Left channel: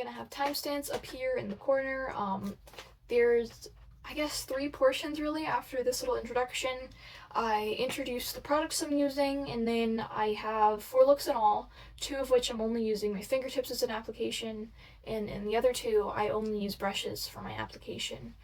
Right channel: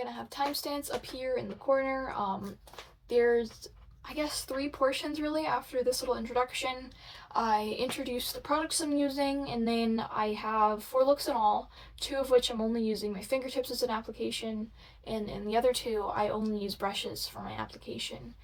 gonna have timestamps up here in the corner. There's, I guess, 3 portions really after this little introduction. I introduce the products I'm using, and then I have 4 looks in all, 2 of which I'm only using my fingertips as an application, and in the other 2 I only use brushes for my application.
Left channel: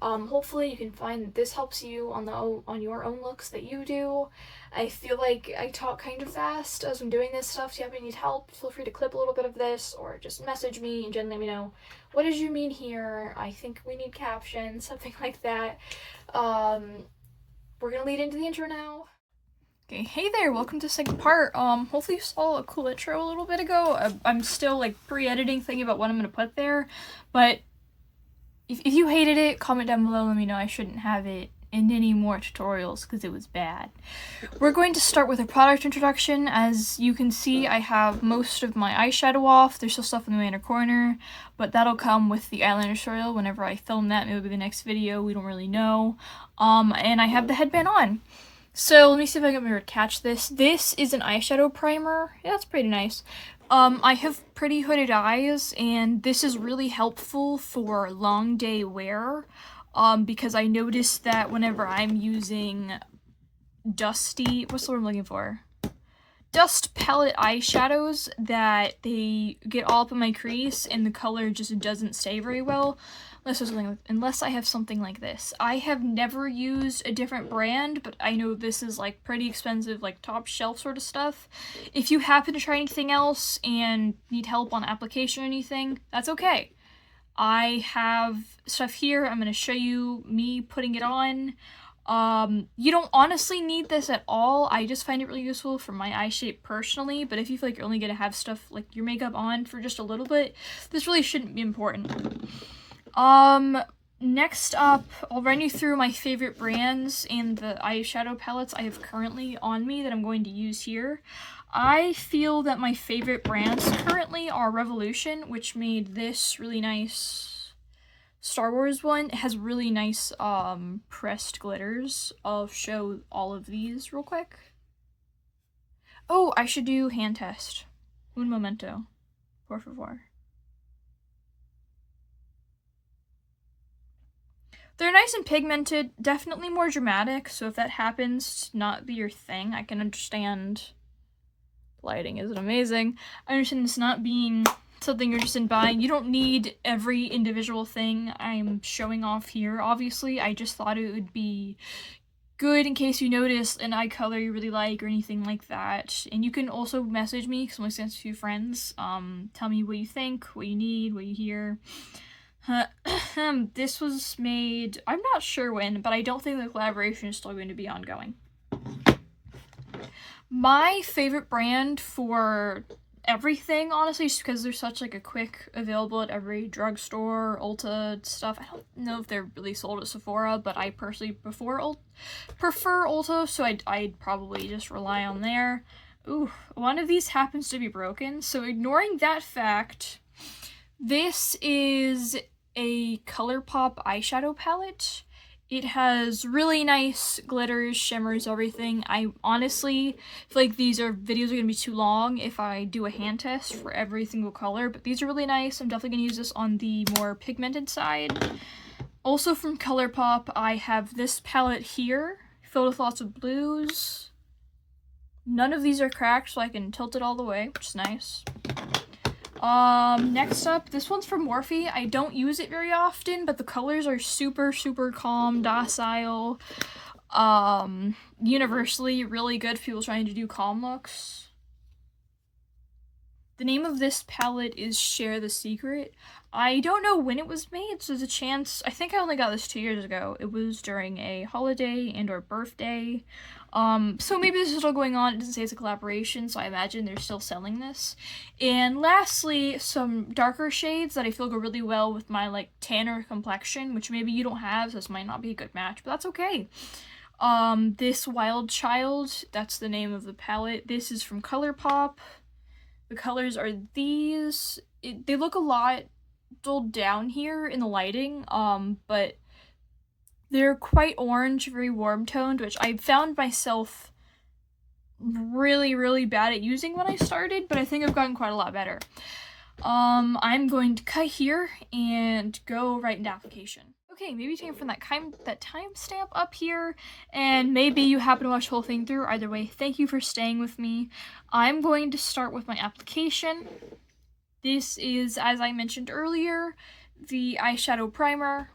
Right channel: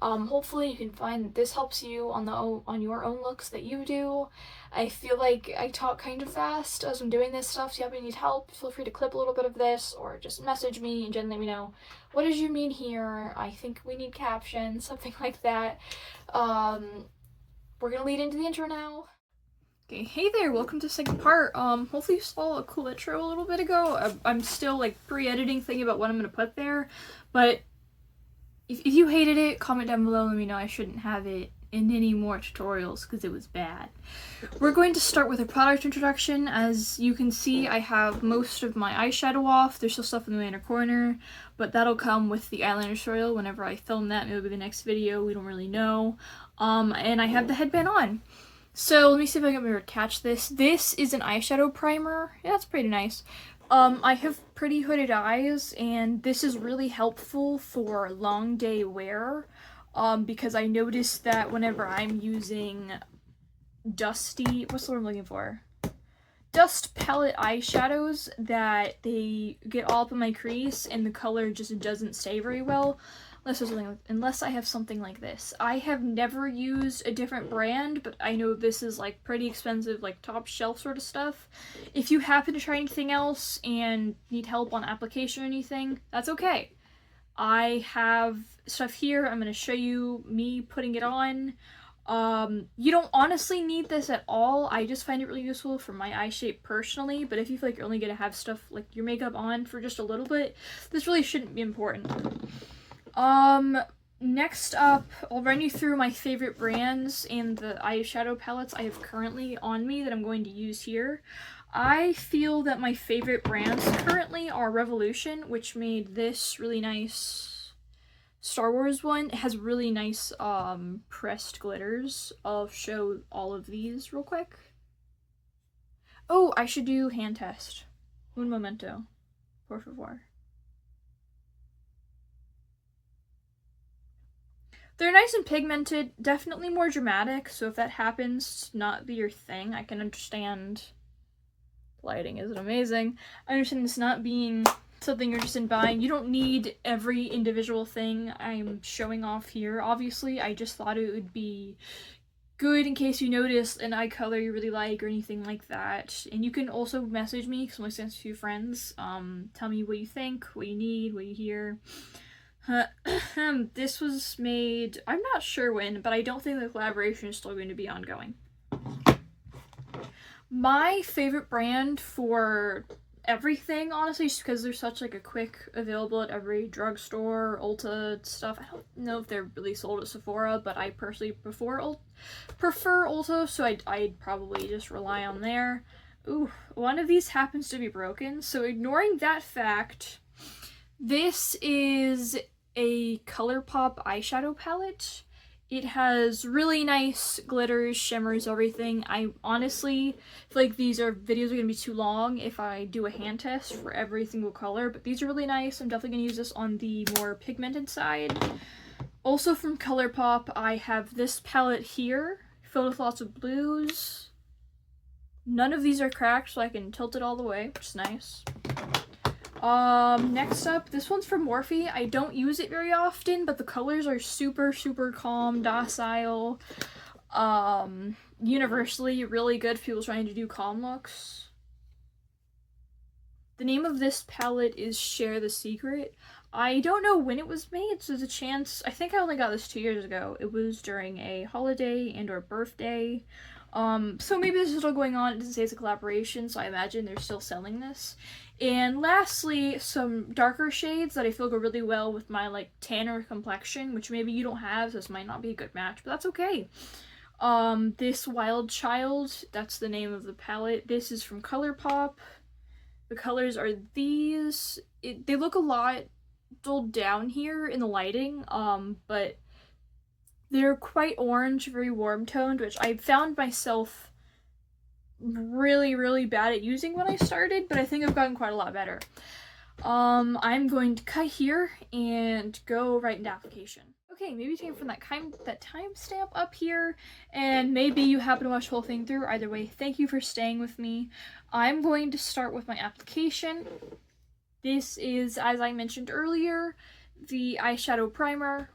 Hopefully you can find this helps you on your own looks that you do. I feel like I talk kind of fast as I'm doing this stuff, so if you need help, feel free to clip a little bit of this, or just message me and gently let me know, what did you mean here? I think we need captions, something like that. We're gonna lead into the intro now. Okay, hey there, welcome to the second part. Hopefully you saw a cool intro a little bit ago. I'm still like pre-editing, thinking about what I'm gonna put there, but if you hated it, comment down below, let me know I shouldn't have it in any more tutorials because it was bad. We're going to start with a product introduction. As you can see, I have most of my eyeshadow off. There's still stuff in the inner corner, but that'll come with the eyeliner tutorial whenever I film that. Maybe the next video, we don't really know. And I have the headband on. So let me see if I can remember to catch this. This is an eyeshadow primer. Yeah, it's pretty nice. I have pretty hooded eyes, and this is really helpful for long day wear, because I noticed that whenever I'm using dusty, what's the word I'm looking for? Dust palette eyeshadows, that they get all up in my crease and the color just doesn't stay very well. Unless I have something like this. I have never used a different brand, but I know this is like pretty expensive, like top shelf sort of stuff. If you happen to try anything else and need help on application or anything, that's okay. I have stuff here. I'm going to show you me putting it on. You don't honestly need this at all. I just find it really useful for my eye shape personally, but if you feel like you're only going to have stuff like your makeup on for just a little bit, this really shouldn't be important. Next up, I'll run you through my favorite brands and the eyeshadow palettes I have currently on me that I'm going to use here. I feel that my favorite brands currently are Revolution, which made this really nice Star Wars one. It has really nice, pressed glitters. I'll show all of these real quick. Oh, I should do hand test. Un momento, por favor. They're nice and pigmented, definitely more dramatic, so if that happens to not be your thing, I can understand. Lighting isn't amazing. I understand this not being something you're interested in buying. You don't need every individual thing I'm showing off here, obviously. I just thought it would be good in case you notice an eye color you really like or anything like that. And you can also message me, because I'm listening to a few friends. Tell me what you think, what you need, what you hear. This was made, I'm not sure when, but I don't think the collaboration is still going to be ongoing. My favorite brand for everything, honestly, just because they're such like a quick available at every drugstore, Ulta stuff. I don't know if they're really sold at Sephora, but I personally prefer Ulta, so I'd probably just rely on there. Ooh, one of these happens to be broken, so ignoring that fact, this is a ColourPop eyeshadow palette. It has really nice glitters, shimmers, everything. I honestly feel like these videos are gonna be too long if I do a hand test for every single color, but these are really nice. I'm definitely gonna use this on the more pigmented side. Also from ColourPop, I have this palette here, filled with lots of blues. None of these are cracked, so I can tilt it all the way, which is nice. Next up, this one's from Morphe. I don't use it very often, but the colors are super, super calm, docile. Universally really good for people trying to do calm looks. The name of this palette is Share the Secret. I don't know when it was made, so there's a chance. I think I only got this 2 years ago. It was during a holiday and or birthday. So maybe this is still going on. It doesn't say it's a collaboration, so I imagine they're still selling this. And lastly, some darker shades that I feel go really well with my like tanner complexion, which maybe you don't have, so this might not be a good match, but that's okay. This Wild Child, that's the name of the palette. This is from ColourPop. The colors are these. They look a lot dulled down here in the lighting, but they're quite orange, very warm toned, which I found myself really, really bad at using when I started, but I think I've gotten quite a lot better. I'm going to cut here and go right into application. Okay, maybe take it from that timestamp up here, and maybe you happen to watch the whole thing through. Either way, thank you for staying with me. I'm going to start with my application. This is, as I mentioned earlier, the eyeshadow primer.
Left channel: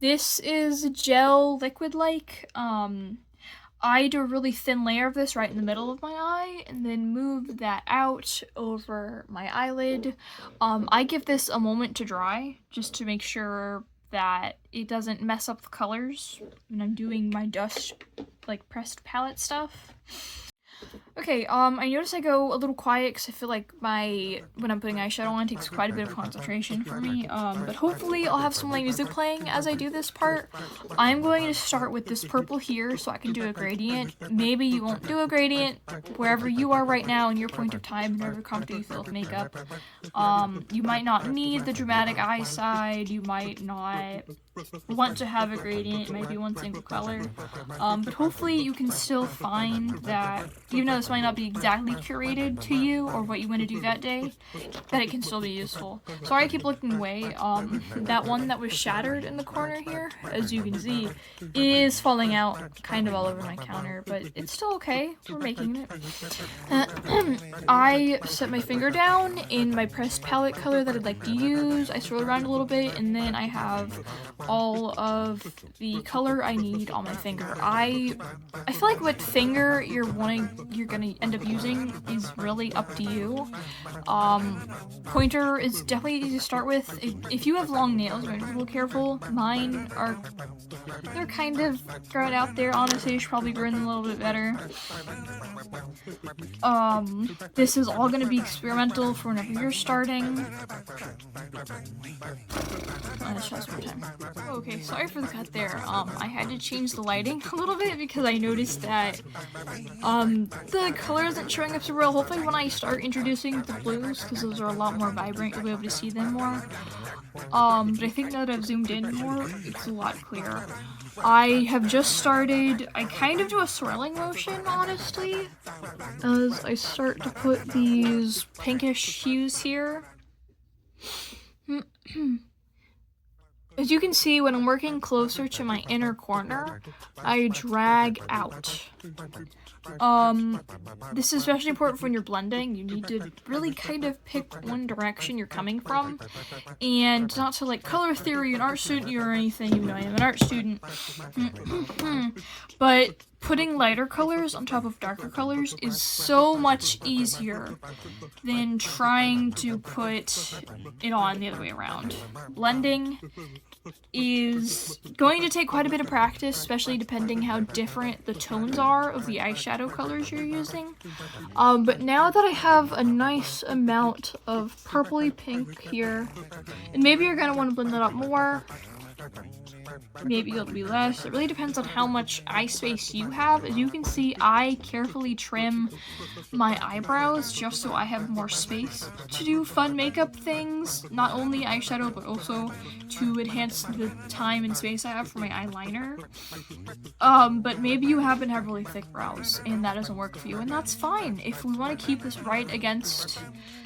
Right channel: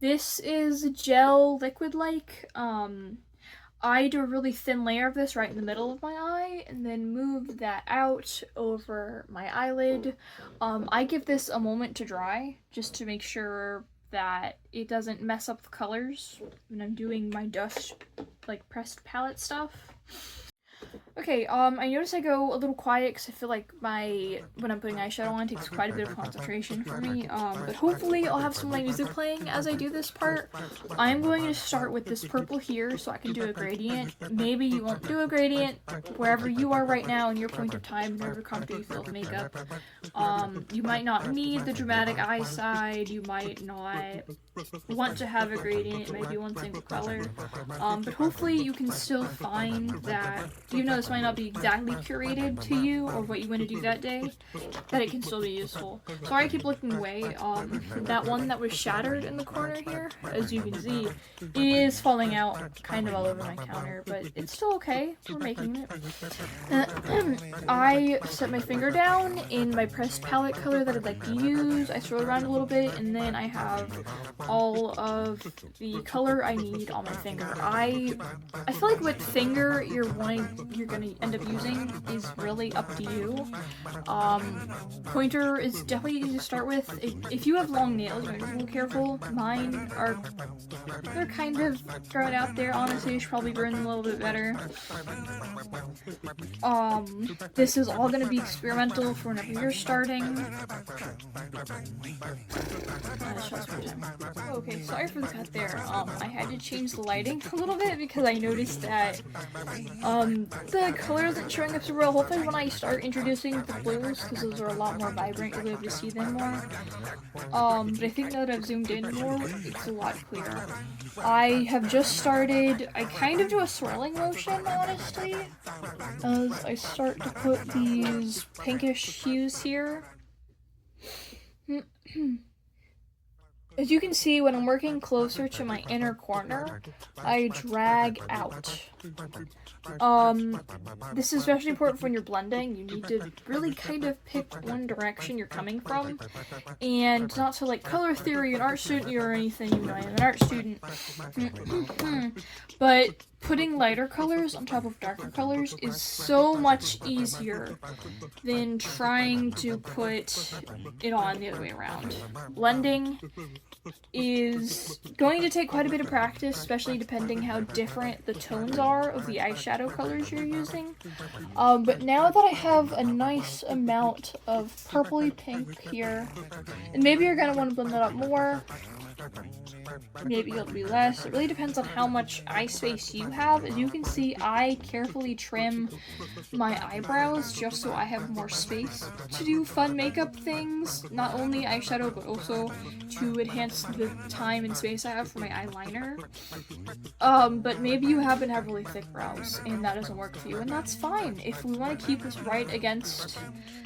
This is gel liquid-like. I do a really thin layer of this right in the middle of my eye and then move that out over my eyelid. I give this a moment to dry just to make sure that it doesn't mess up the colors when I'm doing my dust, like pressed palette stuff. Okay, I notice I go a little quiet because I feel like when I'm putting eyeshadow on, it takes quite a bit of concentration for me, but hopefully I'll have some like music playing as I do this part. I'm going to start with this purple here so I can do a gradient. Maybe you won't do a gradient wherever you are right now in your point of time, wherever comfortable you feel with makeup. You might not need the dramatic eye side, you might not want to have a gradient, it might be one single color, but hopefully you can still find that, even though this might not be exactly curated to you or what you want to do that day, that it can still be useful. Sorry I keep looking away. That one that was shattered in the corner here, as you can see, is falling out kind of all over my counter, but it's still okay. We're making it. I set my finger down in my pressed palette color that I'd like to use. I swirl around a little bit, and then I have all of the color I need on my finger. I feel like what finger you're gonna end up using is really up to you. Pointer is definitely easy to start with. If you have long nails, you're a little careful. Mine they're kind of growing out there. Honestly, you should probably burn them a little bit better. This is all gonna be experimental for whenever you're starting. Okay, sorry for the cut there. I had to change the lighting a little bit because I noticed that the color isn't showing up so real. Hopefully when I start introducing the blues, because those are a lot more vibrant, you'll be able to see them more. But I think now that I've zoomed in more, it's a lot clearer. I have just started, I kind of do a swirling motion, honestly, as I start to put these pinkish hues here. As you can see, when I'm working closer to my inner corner, I drag out. This is especially important for when you're blending. You need to really kind of pick one direction you're coming from, and not to like color theory, an art student or anything, even though I am an art student, but putting lighter colors on top of darker colors is so much easier than trying to put it on the other way around. Blending is going to take quite a bit of practice, especially depending how different the tones are of the eyeshadow colors you're using. But now that I have a nice amount of purpley pink here, and maybe you're going to want to blend it up more, maybe it'll be less. It really depends on how much eye space you have. As you can see, I carefully trim my eyebrows just so I have more space to do fun makeup things, not only eyeshadow but also to enhance the time and space I have for my eyeliner. But maybe you happen to have really thick brows and that doesn't work for you, and that's fine. If we want to keep this right against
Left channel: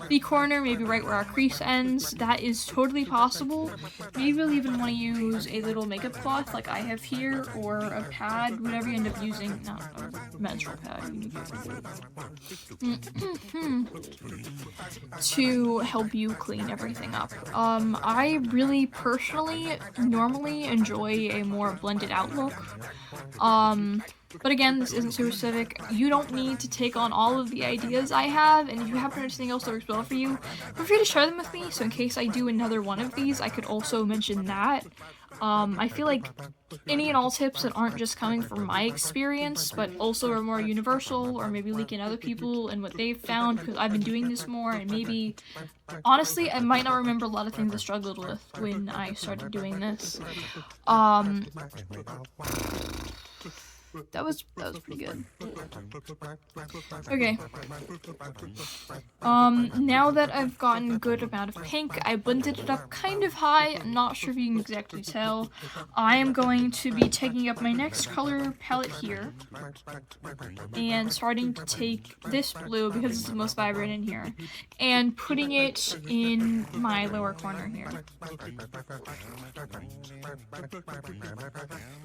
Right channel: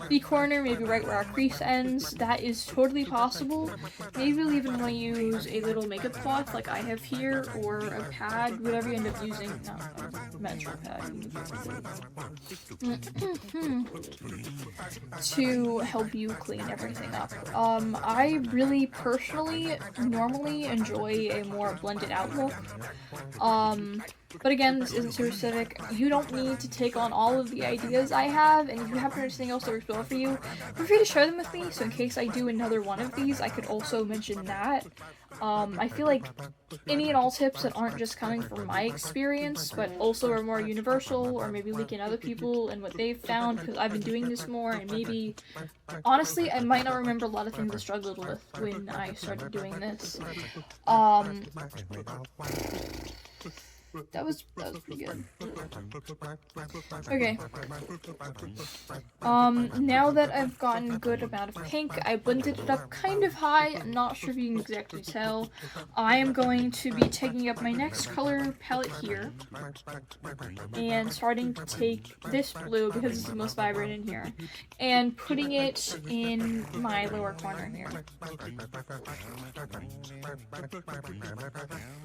the corner, maybe right where our crease ends, that is totally possible. Maybe we'll even want to use a little makeup cloth like I have here, or a pad, whatever you end up using. Not a menstrual pad. To help you clean everything up. I really personally normally enjoy a more blended out look. But again, this isn't super aesthetic. You don't need to take on all of the ideas I have, and if you have anything else that works well for you, feel free to share them with me, so in case I do another one of these, I could also mention that. I feel like any and all tips that aren't just coming from my experience, but also are more universal, or maybe leaking other people and what they've found, because I've been doing this more, and maybe, honestly, I might not remember a lot of things I struggled with when I started doing this. That was pretty good. Okay. Now that I've gotten a good amount of pink, I blended it up kind of high. I'm not sure if you can exactly tell. I am going to be taking up my next color palette here and starting to take this blue, because it's the most vibrant in here, and putting it in my lower corner here.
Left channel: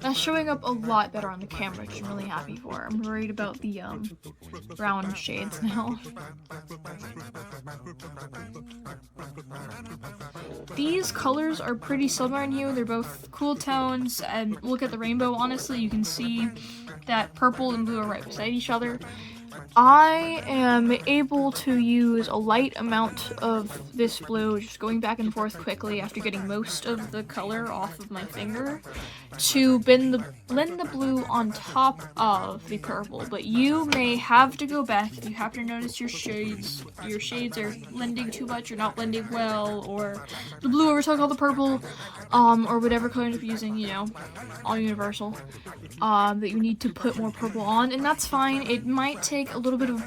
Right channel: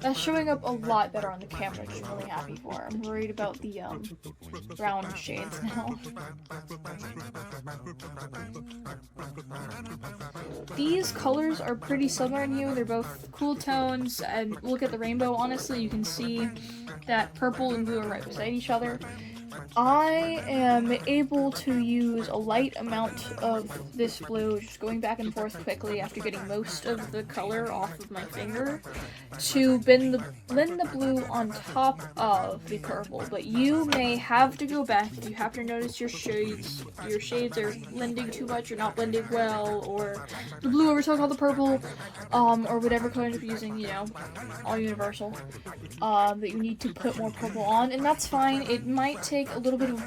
That's showing up a lot better on the camera, which I'm really happy for. I'm worried about the brown shades now. These colors are pretty similar in you. They're both cool tones, and look at the rainbow. Honestly, you can see that purple and blue are right beside each other. I am able to use a light amount of this blue, just going back and forth quickly after getting most of the color off of my finger, to blend the blue on top of the purple. But you may have to go back if you happen to notice your shades are blending too much or not blending well, or the blue overtook all the purple, or whatever color you're using, you know, all universal, that you need to put more purple on, and that's fine. It might take a little bit of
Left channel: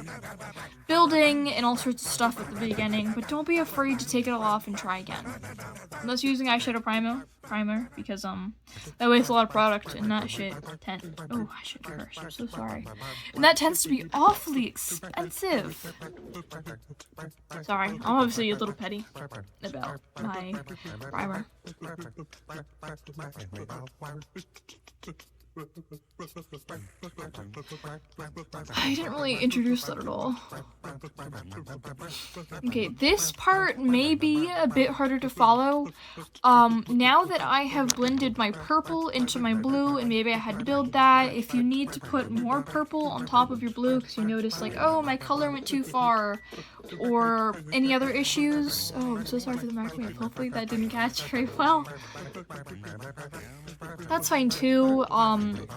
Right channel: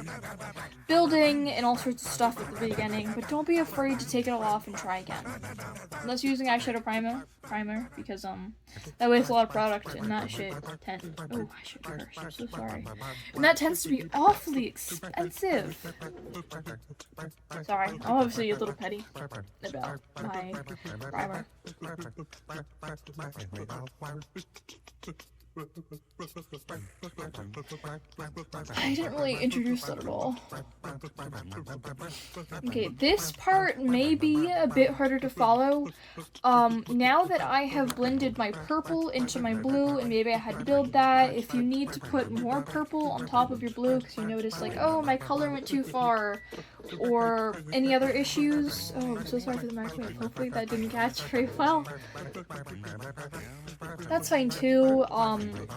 building and all sorts of stuff at the beginning, but don't be afraid to take it all off and try again. Unless you're using eyeshadow primer, because that wastes a lot of product, and that shit oh, I should reverse, I'm so sorry. And that tends to be awfully expensive. Sorry, I'm obviously a little petty about my primer. I didn't really introduce that at all. Okay, this part may be a bit harder to follow. Now that I have blended my purple into my blue, and maybe I had to build that, if you need to put more purple on top of your blue because you notice, like, oh, my color went too far, or any other issues. Oh, I'm so sorry for the microwave. Hopefully that didn't catch very well. That's fine too.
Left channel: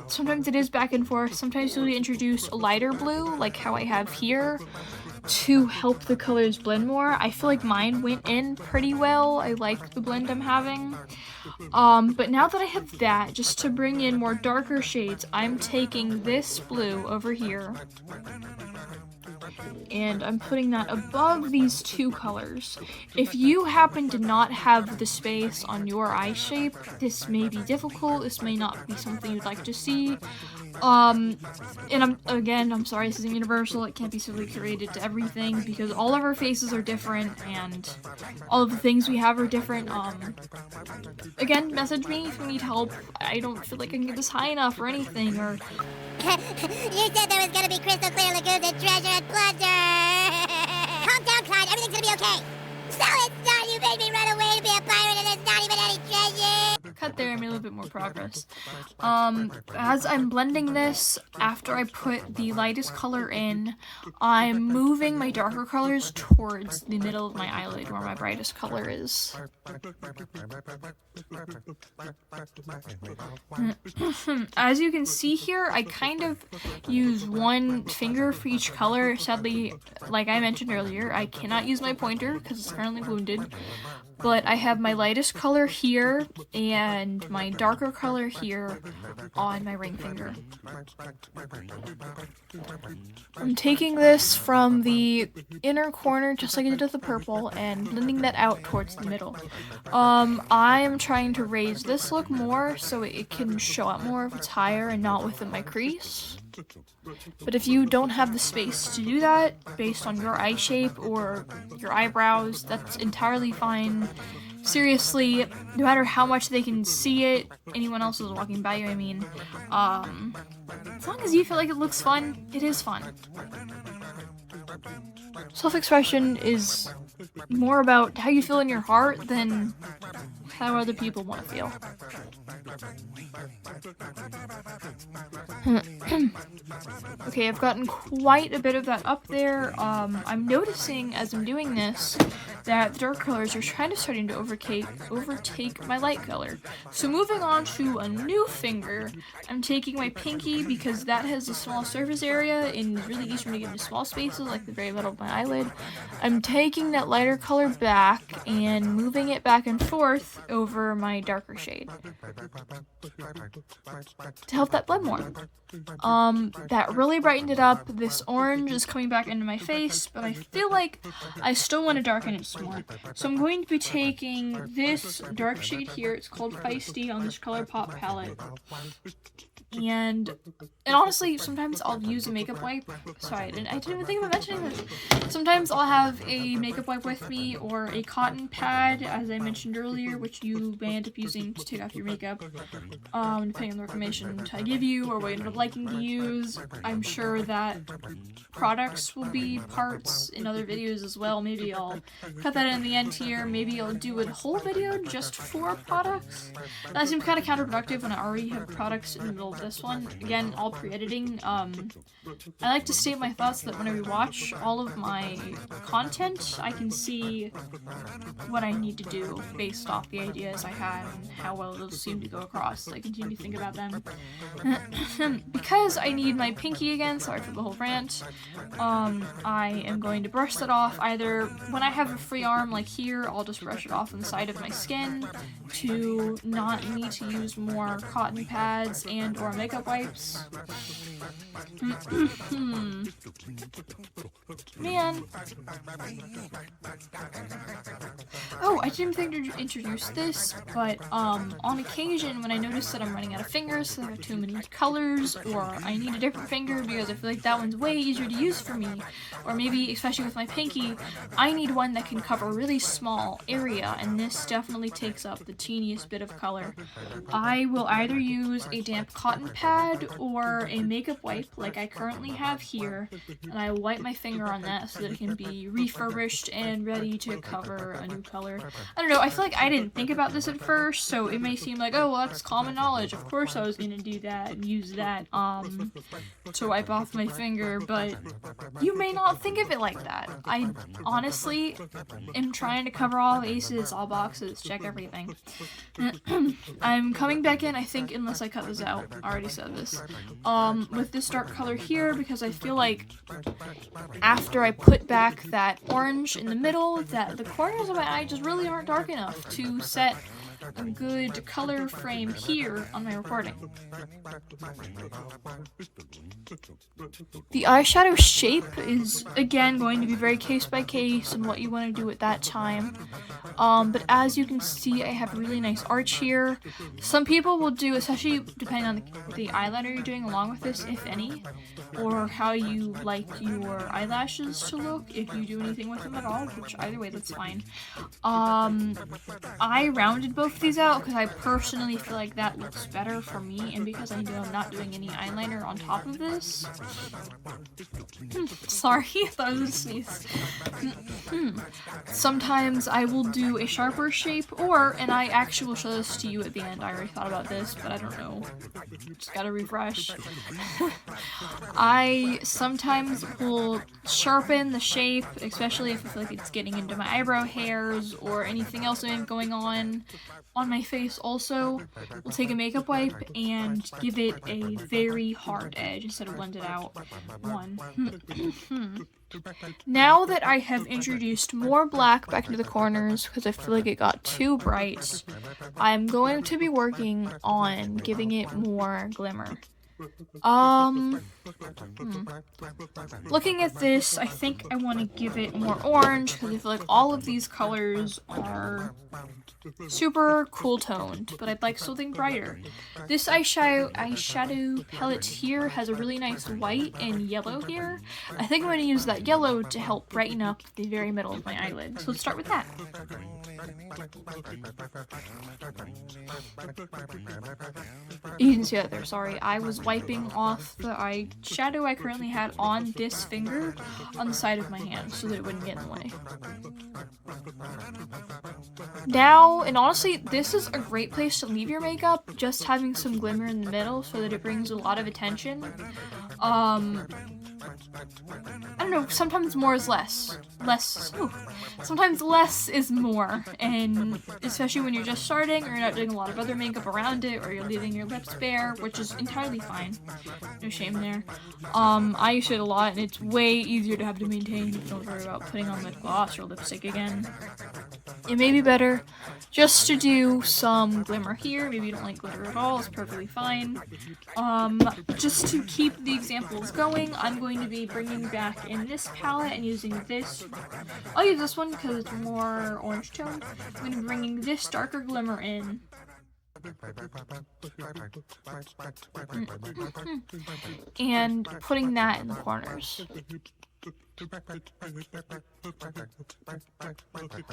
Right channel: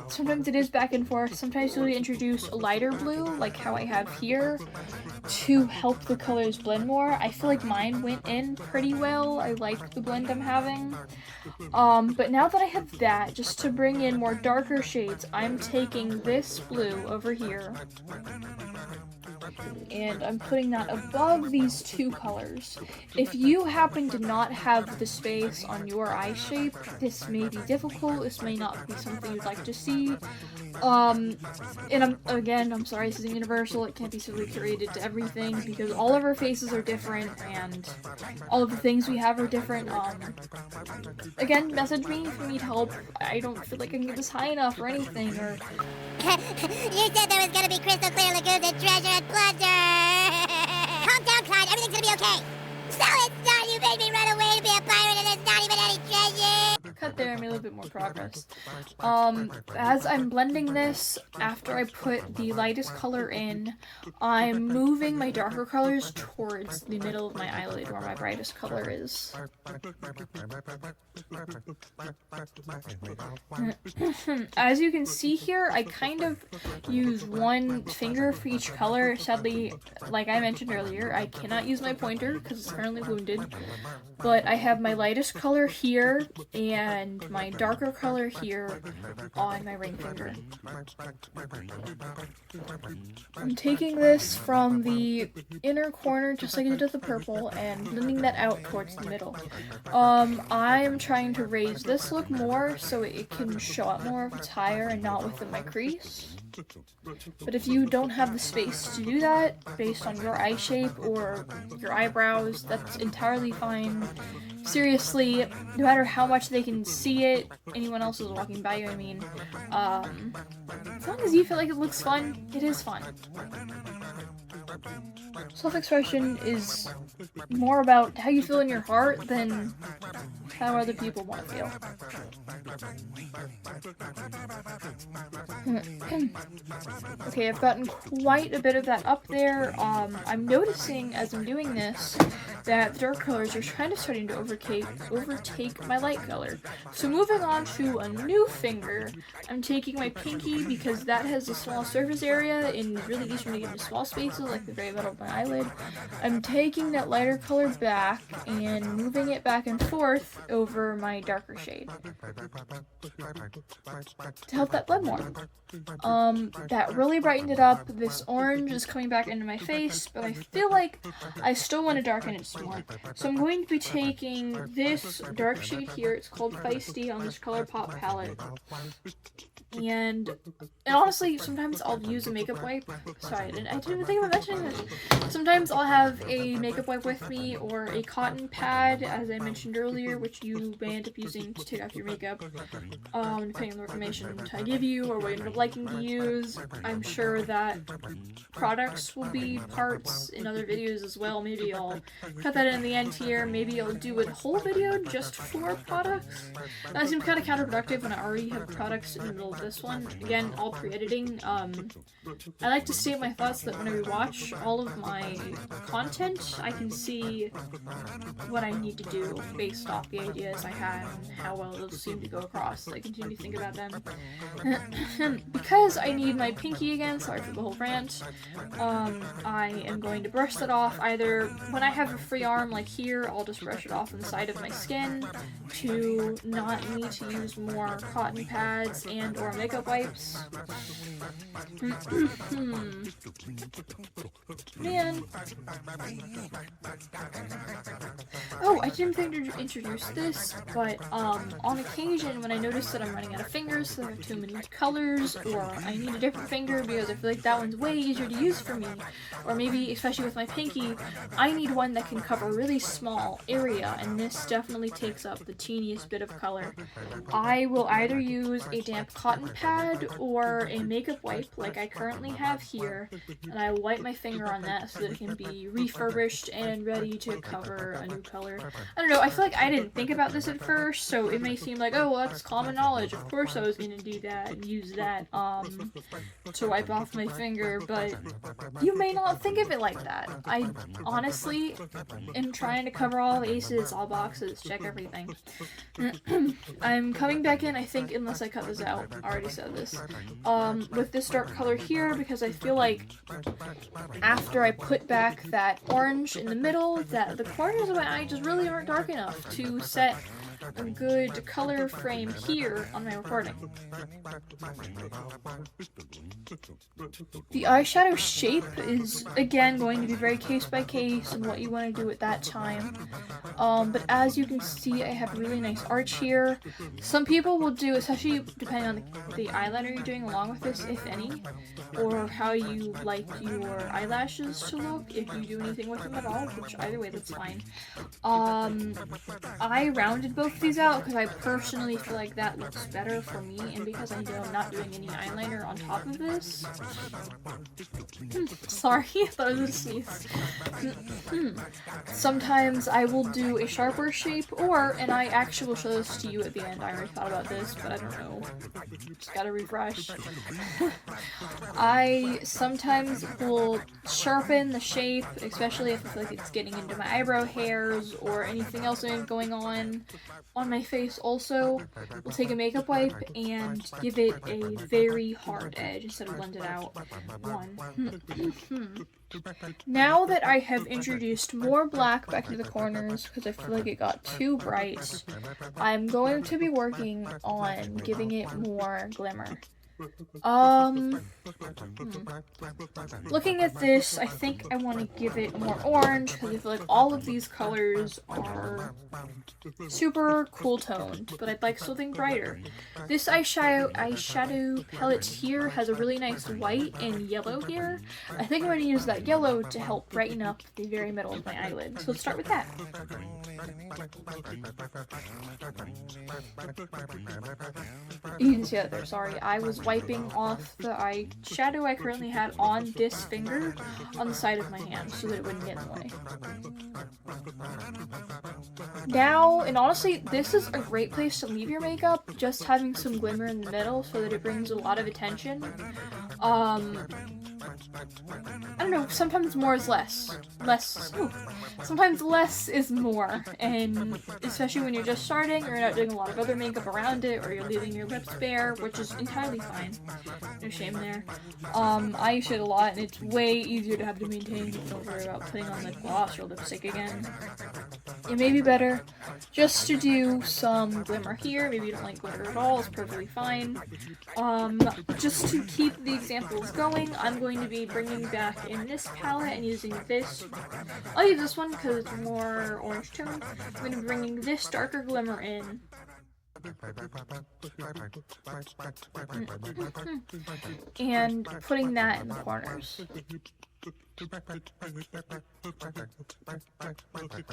Sometimes it is back and forth. Sometimes you'll introduce a lighter blue, like how I have here, to help the colors blend more. I feel like mine went in pretty well. I like the blend I'm having. But now that I have that, just to bring in more darker shades, I'm taking this blue over here, and I'm putting that above these two colors. If you happen to not have the space on your eye shape, this may be difficult. This may not be something you'd like to see. And I'm sorry, this isn't universal. It can't be simply curated to everything, because all of our faces are different, and all of the things we have are different. Again, message me if you need help. I don't feel like I can get this high enough or anything, or... You said there was gonna be crystal clear lagoons and treasure and plunder! Calm down, Clyde. Everything's gonna be okay. So it's not you made me run away to be a pirate and there's not even any treasure! Cut there, I made a little bit more progress. As I'm blending this, after I put the lightest color in, I'm moving my darker colors towards the middle of my eyelid where my brightest color is. As you can see here, I kind of use one finger for each color. Sadly, like I mentioned earlier, I cannot use my pointer because it's currently wounded, but I have my lightest color here and my darker color here on my ring finger. I'm taking this from the inner corner, just like I did with the purple, and blending that out towards the middle. I am trying to raise this look more so it can show up more if it's higher and not within my crease. But if you don't have the space to do that, based on your eye shape or your eyebrows, that's entirely fine. Seriously, no matter how much they can see it, anyone else is walking by you, I mean, as long as you feel like it looks fun, it is fun. Self-expression is more about how you feel in your heart than how other people want to feel. Okay, I've gotten quite a bit of that up there. I'm noticing as I'm doing this that the dark colors are kind of starting to overtake my light color. So moving on to a new finger, I'm taking my pinky because that has a small surface area and really easy to get into small spaces like the very middle of my eyelid. I'm taking that lighter color back and moving it back and forth over my darker shade to help that blend more. That really brightened it up. This orange is coming back into my face, but I feel like I still want to darken it some more. So I'm going to be taking this dark shade here. It's called Feisty on this ColourPop palette. And honestly, sometimes I'll use a makeup wipe. Sorry, I didn't even think of mentioning that. Sometimes I'll have a makeup wipe with me or a cotton pad, as I mentioned earlier, which you may end up using to take off your makeup, depending on the information I give you or what you end up liking to use. I'm sure that products will be parts in other videos as well. Maybe I'll cut that in the end here. Maybe I'll do a whole video just for products. That seems kind of counterproductive when I already have products in the middle of this one. Again, all pre-editing. I like to state my thoughts so that when I rewatch all of my content, I can see what I need to do based off the ideas I had and how well it'll seem to go across. I continue to think about them. Because I need my pinky again, sorry for the whole rant, I am going to brush that off. Either when I have a free arm like here, I'll just brush it off on the side of my skin to not need to use more cotton pads and or makeup wipes. Man. Oh, I didn't think to introduce this, but on occasion when I notice that I'm running out of fingers, so there are too many colors, or I need a different finger because I feel like that one's way easier to use for me, or maybe, especially with my pinky, I need one that can cover a really small area, and this definitely takes up the teeniest bit of color. I will either use a damp cotton pad or a makeup wipe like I currently have here, and I wipe my finger on that so that it can be refurbished and ready to cover a new color. I don't know, I feel like I didn't think about this at first, so it may seem like, oh, well, that's common knowledge. Of course I was going to do that and use that to wipe off my finger, but you may not think of it like that. I honestly am trying to cover all bases, all boxes, check everything. I'm coming back in, I think, unless I cut this out. I already said this. With this dark color here, because I feel like after I put back that orange in the middle, that the corners of my eye just really aren't dark enough to set a good color frame here on my recording. The eyeshadow shape is, again, going to be very case by case and what you want to do at that time. But as you can see, I have really nice arch here. Some people will do, especially depending on the eyeliner you're doing along with this, if any, or how you like your eyelashes to look, if you do anything with them at all, which either way, that's fine. I rounded both of these out because I personally feel like that looks better for me, and because I'm not doing any eyeliner on top of this. Sorry, I thought it was a sneeze. Sometimes I will do a sharper shape, and I actually will show this to you at the end. I already thought about this, but I don't know. Just gotta refresh. I sometimes will sharpen the shape, especially if I feel like it's getting into my eyebrow hairs or anything else I have going on my face. Also, we'll take a makeup wipe and give it a very hard edge instead of blend it out. Now that I have introduced more black back into the corners because I feel like it got too bright, I'm going to be working on giving it more glimmer. Looking at this, I think I want to give it more orange because I feel like all of these colors are super cool toned, but I'd like something brighter. This eyeshadow palette here has a really nice white and yellow here. I think I'm going to use that yellow to help brighten up the very middle of my eyelid. So let's start with that. You didn't see that there, sorry. I was wiping off the eyeshadow I currently had on this finger on the side of my hand so that it wouldn't get in the way. Now, and honestly, this is a great place to leave your makeup, just having some glimmer in the middle so that it brings a lot of attention. I don't know, sometimes more is less. Sometimes less is more, and especially when you're just starting, or you're not doing a lot of other makeup around it, or you're leaving your lips bare, which is entirely fine. No shame there. I use it a lot, and it's way easier to have to maintain. Don't worry about putting on lip gloss or lipstick again. It may be better, just to do some glimmer here. Maybe you don't like glitter at all, it's perfectly fine. Just to keep the examples going, I'm going to be bringing back in this palette and using this. I'll use this one because it's more orange tone. I'm going to be bringing this darker glimmer in. And putting that in the corners.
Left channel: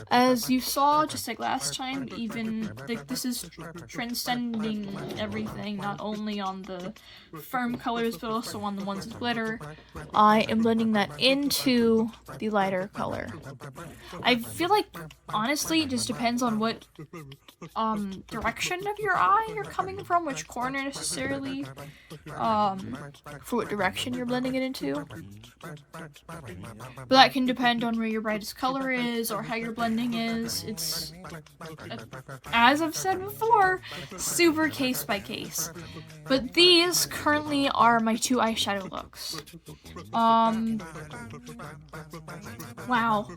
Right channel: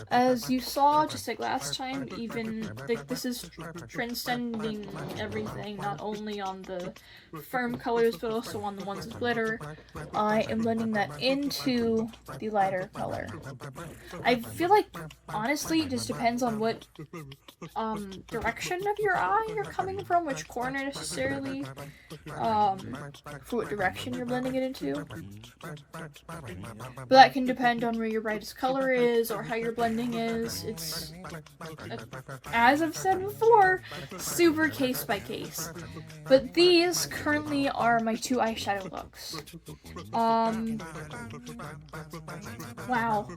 As you saw just like last time, even like this is transcending everything, not only on the firm colors but also on the ones with glitter. I am blending that into the lighter color. I feel like honestly it just depends on what direction of your eye you're coming from, which corner necessarily, for what direction you're blending it into. But that can depend on where your brightest color is or how your blending is. It's, as I've said before, super case by case. But these currently are my two eyeshadow looks. Wow.